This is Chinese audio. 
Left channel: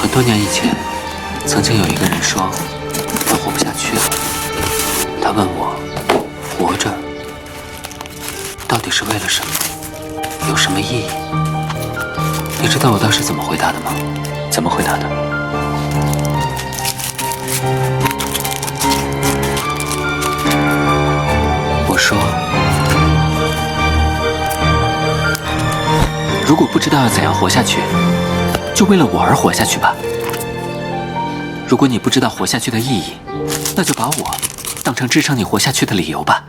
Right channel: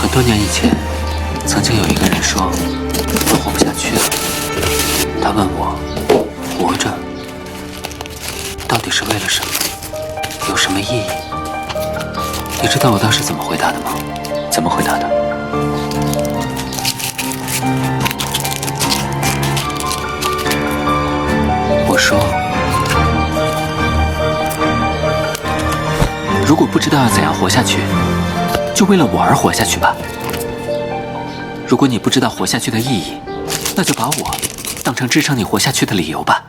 很多年以前，曾经有一个人说他活不下去了。他问我，活着到底是为了什么？有什么意义？你知道我当时怎么回答的吗？怎么回答的？我说，如果不知道要怎样活下去，就为了我而活下去吧。如果你不知道活下去的意义，那就把我当成支撑你活下去的理由吧。